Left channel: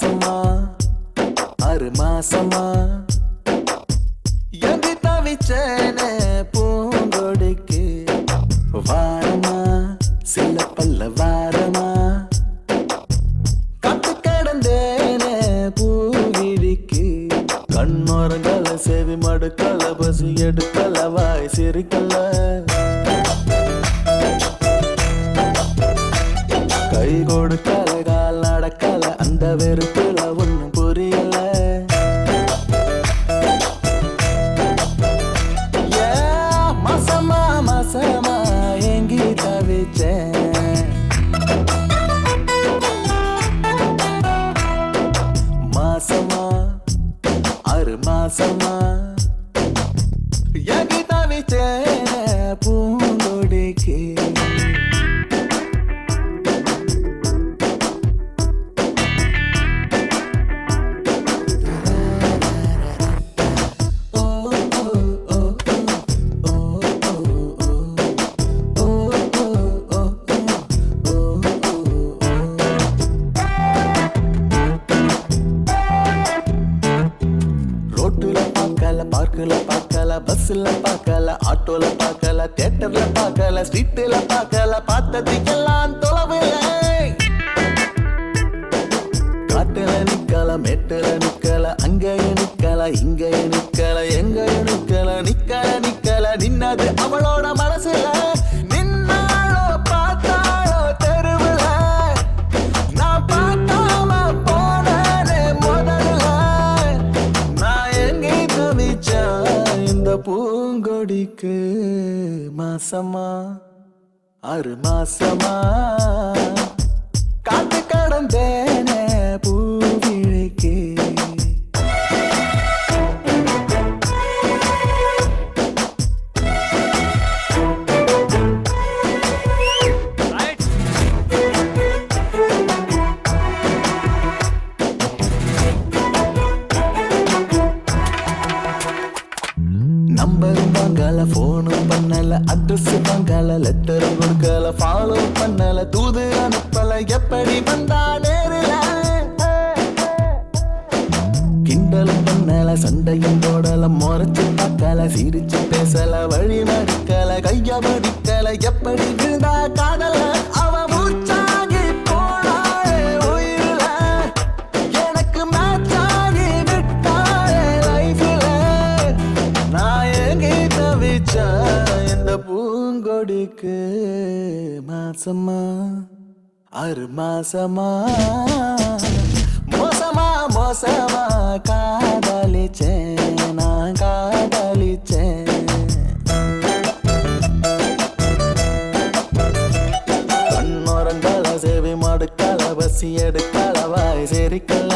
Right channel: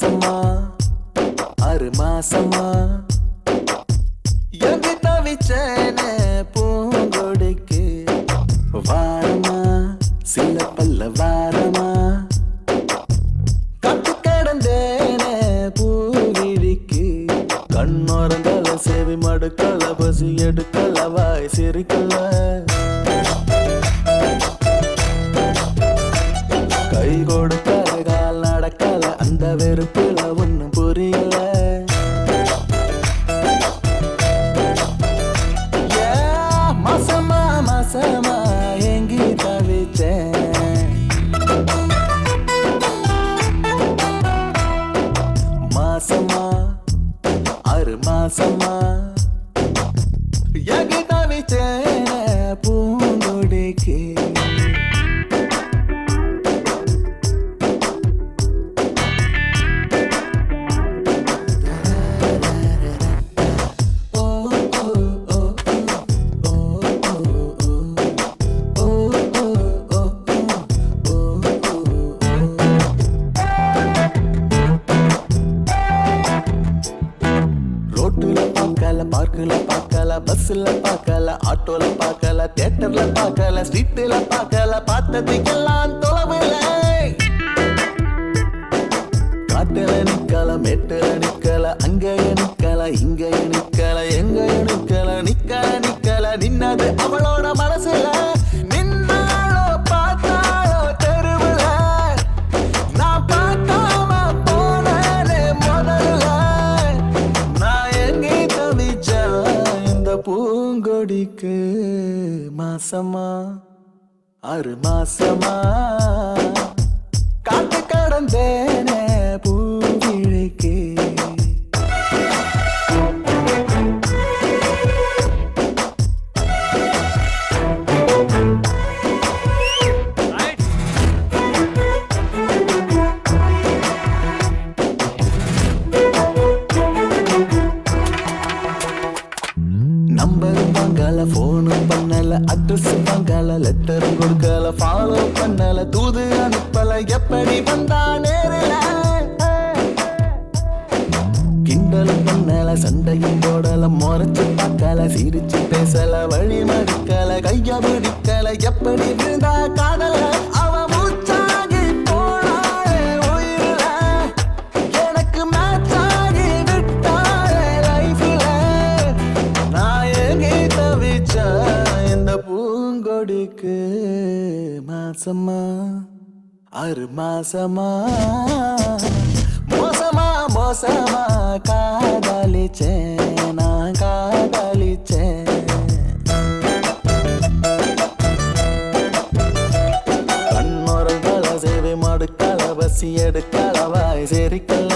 மாசமா 6 மாசமா எங்கி தவிச்சேனே பூங்கொடிக்கு வாரமா சில பல்ல வாரமா கட்டு கிடந்தேனே பூவிழிக்கு கண்ணோரங்கல செவி மடுக்கல பசி எடுக்கல வாய் சிரிக்கல கை கொடுக்கல கால் நடக்கல அந்த வெறுப்புல ஒண்ணும் புரியல மாசமா மாசமா எங்கி தவிச்சேன் மாசமா 6 மாசமா எங்கி தவிச்சேன் பூங்கொடிக்கு ரோட்டுல பார்க்கல பார்க்கல பார்க்கல பஸ்ல பார்க்கல ஆட்டோல பார்க்கல தியேட்டர்ல பார்க்கல ஸ்ட்ரீட்ல பார்க்கல பார்த்ததுக்கெல்லாம் தொலைவில காட்டுல நிக்கல மேட்டுல நிக்கல அங்கேய நிக்கல இங்கேய நிக்கல எங்கேய நிக்கல நின்னது அவளோட மனசுல நின்னாளோ பார்த்தாளோ தெருவுல நான் பார்க்காம போனே முதல்ல நான் எங்கே தவிச்சேன் இந்த பூங்கொடிக்கு மாசமா 6 மாசமா காத்து கடந்தேனே பூவிழிக்கு நம்பரும் வாங்கல போனும் பண்ணல அட்ரஸ் வாங்கல லெட்டரும் கொடுக்கல ஃபாலோ பண்ணல தூது அனுப்பல எப்படி வந்தா நேரில கிண்டலும் பண்ணல சண்டையும் போடல முறைச்சு பார்க்கல சிரிச்சு பேசல வழி மறிக்கல கைய பிடிக்கல எப்படி விழுந்தா காதல அவ மூச்சாகி போனாளே உயிரில எனக்கு மேட்சாகி விட்டாளே லைஃப்ல நான் எங்கே தவிச்சேன் இந்த பூங்கொடிக்கு மாசமா 6 மாசமா மோசமா மோசமா காதலிச்சேன் நான் காதலிச்சேன் கண்ணோரங்கால சேவை மடுக்கல பசி எடுக்கல வாய் சேரிக்கல